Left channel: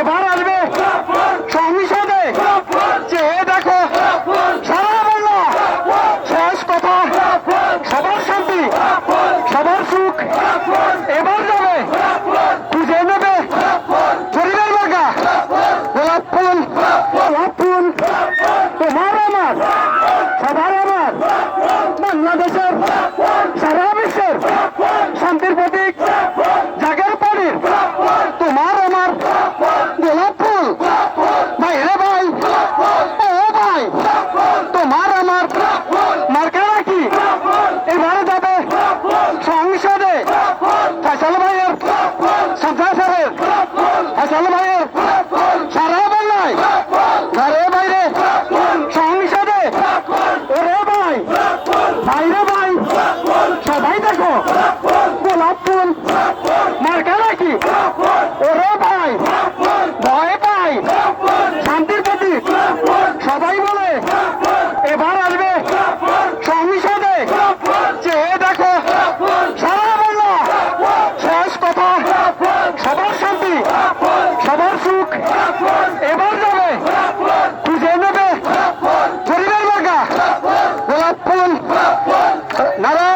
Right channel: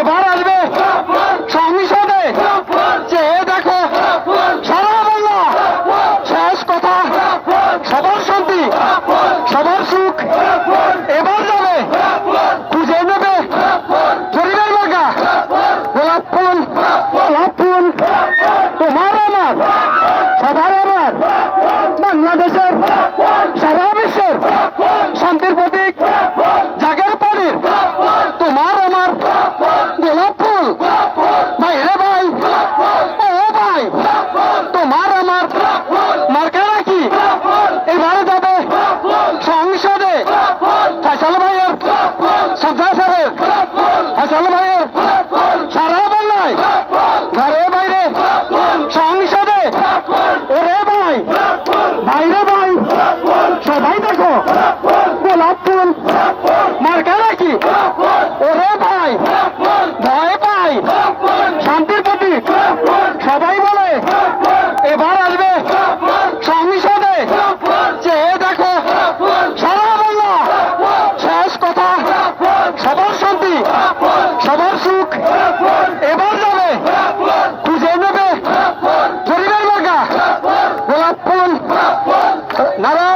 এবার আসবে সংসদে। চেয়ে দেখো, সারা বাংলা, শেষ কথা, সবার শান্তি, সবার সুখ। এবার যাবে, খুঁজে নেবে জরিমের মার্কা গোলাপ ফুল গোলাপ ফুল, তোমার আমার, সবার আমার। বাংলাদেশের, সারা বিশ্বের শান্তির প্রতীক ভাইয়ের সাজ্জা সাহেব হাসাল ভাইয়ের সারা বাংলায় ঘরে বাইরে সং ওরে ভাই। বাইরে ভাই। সবাই দেখো। গোলাপ ফুল। মার্কা নাকি? ওরে ভাই। ভয় পাই। শান্তিপতি সবাই বলে, এবার আসবে। মুখ এবার যাবে খুঁজে নেবে। পরিবার ফুল। নারায়ণ।